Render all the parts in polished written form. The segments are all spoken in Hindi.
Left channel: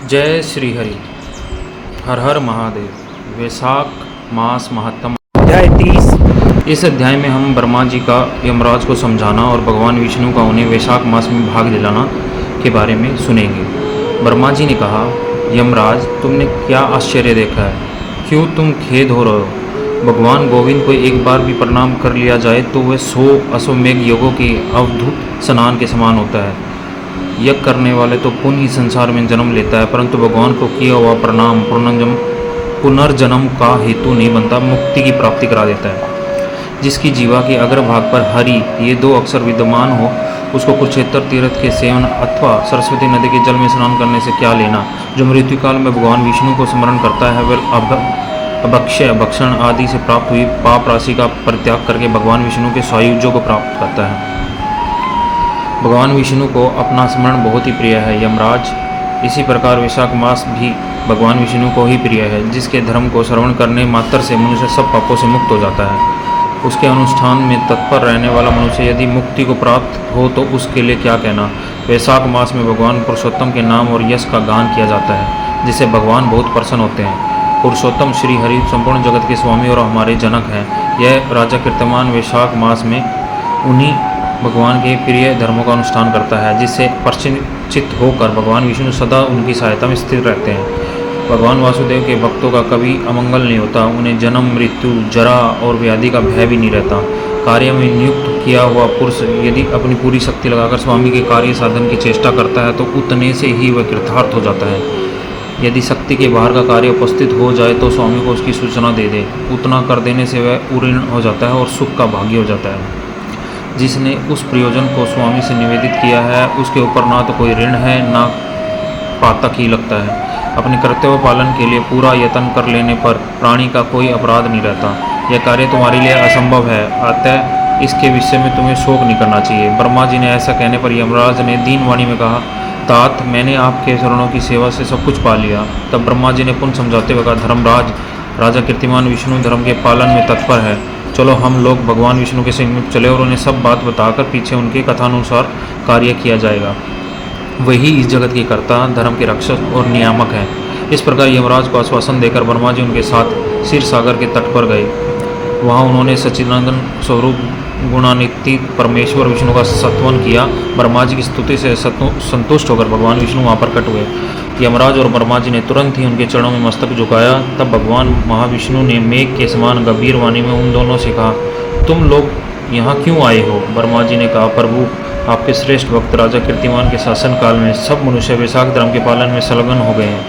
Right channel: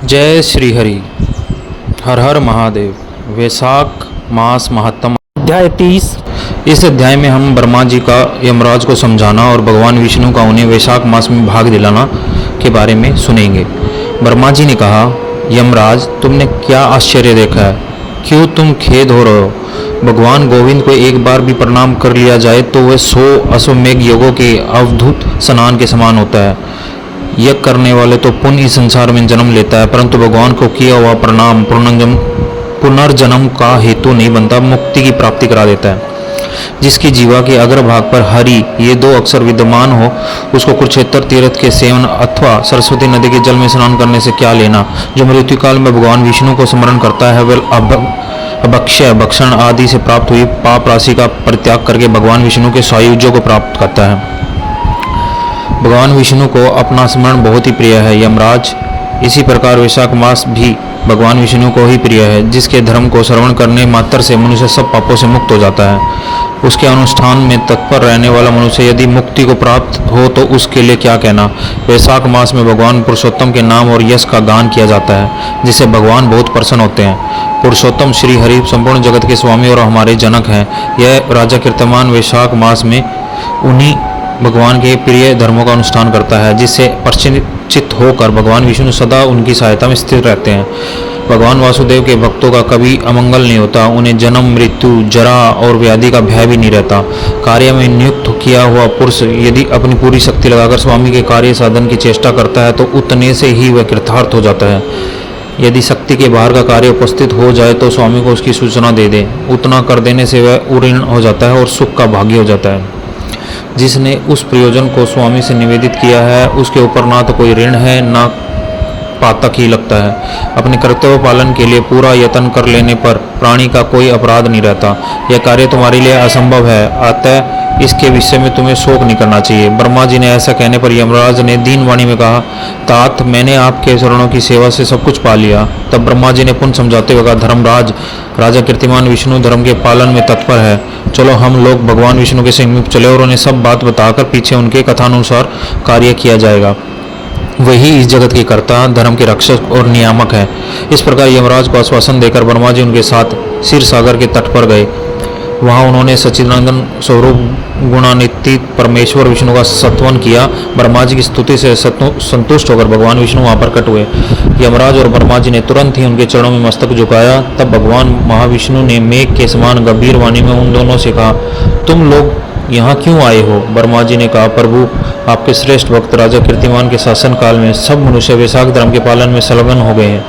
जय श्री हरि। हर हर महादेव। वैशाख मास महात्म अध्याय 30। इस अध्याय में हम ब्रह्मा जी का यमराज को समझाना और भगवान विष्णु का उन्हें वैशाख मास में भाग दिलाना के बारे में सुनेंगे। ब्रह्मा जी ने कहा, यमराज, तुमने क्या आश्चर्य देखा है? क्यों तुम खेद हो रहे हो? भगवान गोविंद को एक बार भी प्रणाम कर लिया जाए तो वह 100 अश्वमेघ योगों के अवधूत स्नान के समान होता है। यज्ञ करने वाले तो पुण्य इस संसार में जन्म लेता है, परंतु भगवान को किया हुआ प्रणाम पुनर्जन्म का हेतु नहीं बनता, मुक्ति की प्राप्ति करा देता है। जिसकी जीवा के अग्रभाग पर हरि ये 2 अक्षर विद्यमान हो, उसको कुरुक्षेत्र तीर्थ के सेवन अथवा सरस्वती नदी के जल में स्नान करने से क्या लेना। जो मृत्यु काल में भगवान विष्णु को स्मरण करता है वह अभक्षय भक्षण आदि से प्राप्त हुई पाप राशि का परित्याग करके भगवान विष्णु के सायुज्य को प्राप्त करता है। भगवान विष्णु को अपना स्मरण बहुत ही प्रिय है यमराज। इसी प्रकार वैशाख मास भी भगवान विष्णु को ही प्रिय है। जिसके धर्म को श्रवण करने मात्र से मनुष्य सब पापों से मुक्त हो जाता है। उसके अनुष्ठान में तत्पर रहने वाला मनुष्य यदि मुक्ति को प्राप्त हो तो उसके लिए क्या कहना। वैशाख मास में भगवान पुरुषोत्तम के नाम और यश का गान किया जाता है, जिससे भगवान बहुत प्रसन्न होते हैं। पुरुषोत्तम श्री हरि संपूर्ण जगत के स्वामी और हमारे जनक हैं। यह राजा कीर्तिमान वैशाख मास में उन्हीं भगवान के प्रिय धर्मों का अनुष्ठान करता है, जिससे परिचित होकर भगवान विष्णु सदा उनकी सहायता में स्थिर रहते हैं। भगवान वासुदेव के भक्तों का कभी अमंगल नहीं होता। उन्हें जन्म मृत्यु जरा और व्याधि का भय भी नहीं रहता। कार्य में नियुक्त किया हुआ पुरुष यदि अपनी पूरी शक्ति लगाकर स्वामी के कार्य साधन की चेष्टा करता है तो उतने से ही वह कृतार्थ हो जाता है। यदि शक्ति के बाहर का कार्य उपस्थित हो जाए तो स्वामी को उसकी सूचना दे दे। उतना कर देने से वह उऋण हो जाता है और सुख का भागी हो जाता है। जिसने उस प्रयोजन को स्वामी से निवेदित किया है उसके ऊपर ना तो कोई ऋण है ना पातक ही लगता है। अपने कर्तव्य पालन के लिए पूरा यत्न कर लेने पर प्राणी का कोई अपराध नहीं रहता। यह कार्य तुम्हारे लिए असंभव है, अतः इसके विषय में तुम्हें शोक नहीं करना चाहिए। ब्रह्मा जी ने ऐसा कहने पर यमराज ने दीन वाणी में कहा, तात, मैंने आपके चरणों की सेवा से सब कुछ पा लिया। तब ब्रह्मा जी ने पुनः समझाते हुए कहा, धर्मराज, राजा कीर्तिमान विष्णु धर्म के पालन में तत्पर है। चलो हम लोग भगवान विष्णु के समीप चले और उन्हें सब बात बताकर पीछे उनके कथानुसार कार्य किया जाएगा। वही इस जगत के कर्ता, धर्म के रक्षक और नियामक है। इस प्रकार यमराज को आश्वासन देकर ब्रह्मा जी उनके साथ क्षीर सागर के तट पर गए। वहाँ उन्होंने सच्चिदानंद स्वरूप गुणान्वित परमेश्वर विष्णु का सत्वन किया। ब्रह्मा जी की स्तुति से संतुष्ट होकर भगवान विष्णु वहाँ प्रकट हुए। यमराज और ब्रह्मा जी ने तुरंत ही उनके चरणों में मस्तक झुकाया। तब भगवान महाविष्णु ने मेघ के समान गंभीर वाणी में उन दोनों से कहा, तुम लोग यहाँ क्यों आए हो? ब्रह्मा जी ने कहा, प्रभु, आपके श्रेष्ठ भक्त राजा कीर्तिमान के शासन काल में सब मनुष्य वैशाख धर्म के पालन में संलग्न हो गए हैं।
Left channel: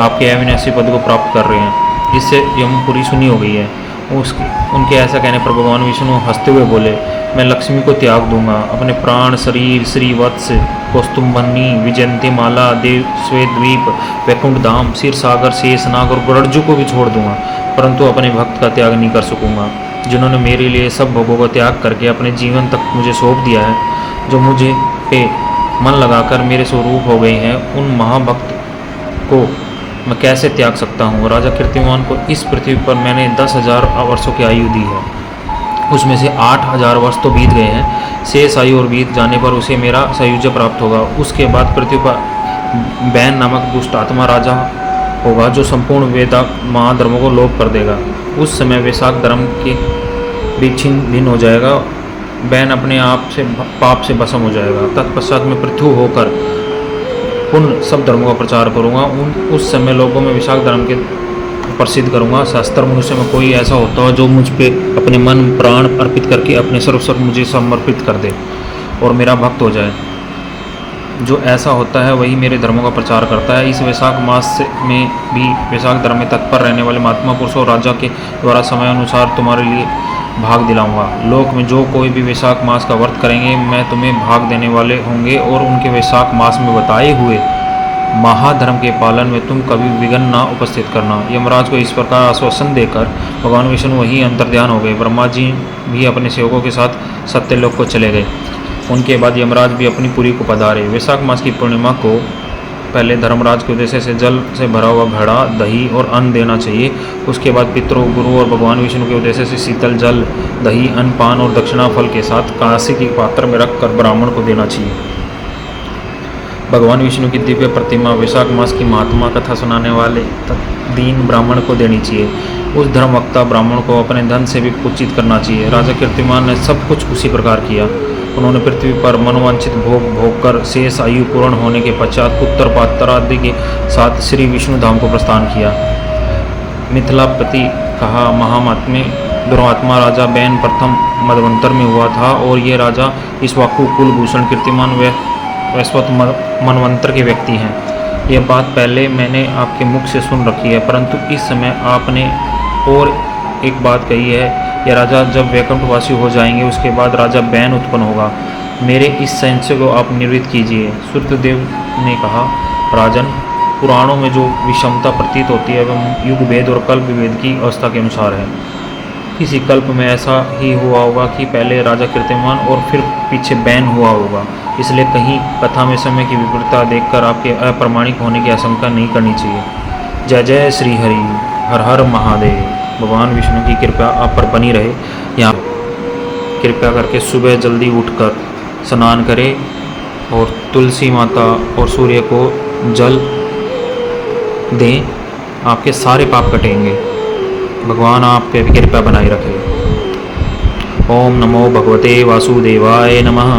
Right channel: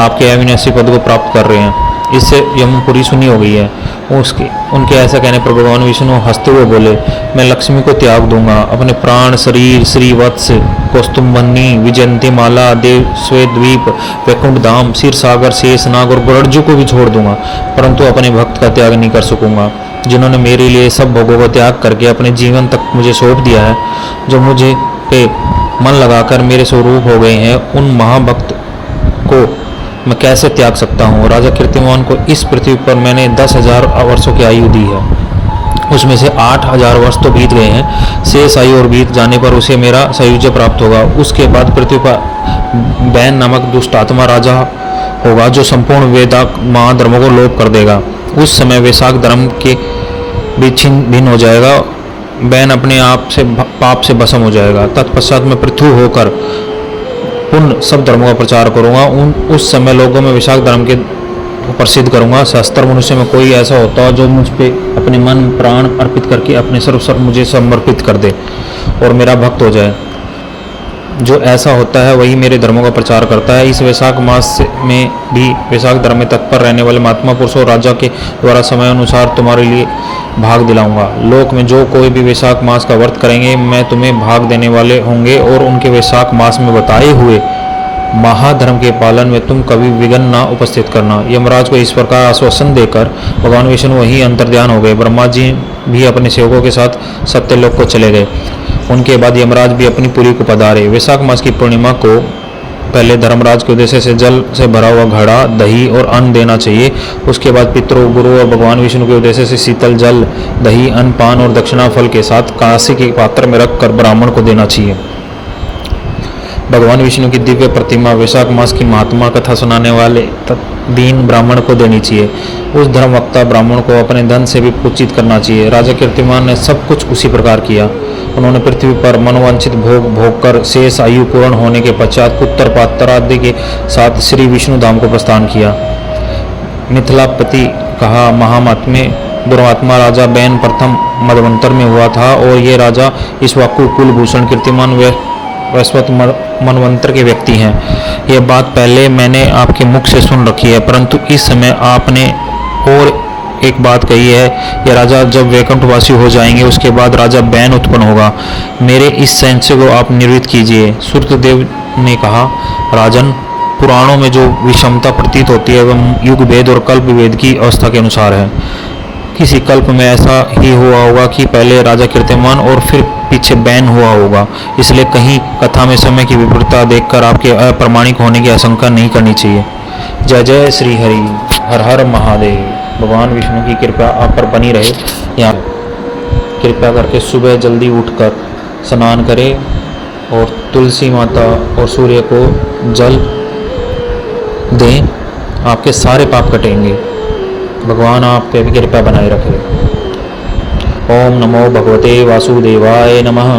आपके अविनाशी पद को प्राप्त कर रहे हैं। इससे यमपुरी सुनी हो गई है। उनके ऐसा कहने पर भगवान विष्णु हंसते हुए बोले, मैं लक्ष्मी को त्याग दूंगा। अपने प्राण, शरीर, श्रीवत्स, कौस्तुभमणि, विजयंती माला, देव श्वेतद्वीप, वैकुंठ धाम, क्षीर सागर, शेषनाग और गरुड़ को भी छोड़ दूंगा, परंतु अपने भक्त का त्याग नहीं कर सकूंगा। जिन्होंने मेरे लिए सब भोगों का त्याग करके अपने जीवन तक मुझे सौंप दिया है, जो मुझे पे मन लगाकर मेरे स्वरूप हो गए हैं, उन महाभक्त को मैं कैसे त्याग सकता हूँ। राजा कीर्तिमान को इस पृथ्वी पर मैंने 10,000 वर्षों की आयु दी है। उसमें से 8,000 वर्ष तो बीत गए हैं। शेष आयु और बीत जाने पर उसे मेरा सायुज्य प्राप्त होगा। उसके बाद पृथ्वी पर बैन नामक दुष्ट आत्मा राजा होगा, जो संपूर्ण वेदाक महाधर्मों को लोप कर देगा। उस समय वैशाख धर्म के भी छिन्न भिन्न हो जाएगा। बैन अपने आप से पाप से भस्म हो जाएगा। तत्पश्चात मैं पृथ्वी होकर उन सब धर्मों का प्रचार करूंगा। उस समय लोगों में वैशाख धर्म के प्रसिद्ध करूंगा। शास्त्र मनुष्य में कोई ऐसा होता जो मुझ पे अपने मन प्राण अर्पित करके अपने सर्वस्व मुझे समर्पित कर दे और मेरा भक्त हो जाए। जो ऐसा होता है वही मेरे धर्मों का प्रचार करता है। इस वैशाख मास में भी वैशाख धर्म में तत्पर रहने वाले महात्मा पुरुषों और राजा के द्वारा समय अनुसार तुम्हारे लिए भाग दिलाऊंगा। लोक में जो कोई भी वैशाख मास का व्रत करेंगे, मैं तुम्हें भाग देने वाले होंगे और उनके वैशाख मास में बताए हुए महाधर्म के पालन में तुम कभी विघ्न ना उपस्थित करना। यमराज को इस प्रकार आश्वासन देकर भगवान विष्णु वहीं अंतर्ध्यान हो गए। ब्रह्मा जी भी अपने सेवकों के साथ सत्यलोक को चले गए। उनके बाद यमराज भी अपनी पुरी को पधारे। वैशाख मास की पूर्णिमा को पहले धर्मराज के उद्देश्य से जल से भरा हुआ घड़ा, दही और अन्न देना चाहिए। उसके बाद पितरों, गुरु और भगवान विष्णु के उद्देश्य से शीतल जल, दही, अन्न, पान और दक्षिणा फल के साथ कांसे के पात्र में रखकर ब्राह्मण को देना चाहिए। भगवान विष्णु की दिव्य प्रतिमा वैशाख मास की महात्मा कथा सुनाने वाले दीन ब्राह्मण को देनी चाहिए। उस धर्मवक्ता ब्राह्मण को अपने धन से भी पूजित करना चाहिए। राजा कीर्तिमान ने सब कुछ उसी प्रकार किया। उन्होंने पृथ्वी पर मनोवांछित भोग भोग कर शेष आयु पूर्ण होने के पश्चात उत्तरपात्र आदि के साथ श्री विष्णु धाम को प्रस्थान किया। मिथिलापति कहा महात्म्य दुर्वात्मा राजा बैन प्रथम मदवंतर में हुआ था और ये राजा इक्ष्वाकु कुलभूषण कीर्तिमान वैश्वत मनवंतर के व्यक्ति हैं। यह बात पहले मैंने आपके मुख से सुन रखी है, परंतु इस समय आपने और एक बात कही है। यह राजा जब वैकुंठवासी हो जाएंगे उसके बाद राजा बैन उत्पन्न होगा। मेरे इस संशय को आप निवृत्त कीजिए। सूर्यदेव ने कहा राजन, पुराणों में जो विषमता प्रतीत होती है वह युग भेद और कल्प भेद की अवस्था के अनुसार है। किसी कल्प में ऐसा ही हुआ होगा कि पहले राजा कीर्तिमान और फिर पीछे बैन हुआ होगा, इसलिए कहीं कथा में समय की विपरीतता देखकर आपके अप्रामाणिक होने की आशंका नहीं करनी चाहिए। जय जय श्री हरि, हर हर महादेव। भगवान विष्णु की कृपा आप पर बनी रहे। यहाँ कृपया करके सुबह जल्दी उठकर स्नान करें और तुलसी माता और सूर्य को जल दें, आपके सारे पाप कटेंगे। भगवान आप पे भी कृपा बनाए रखे। ओम नमो भगवते वासुदेवाय नमः।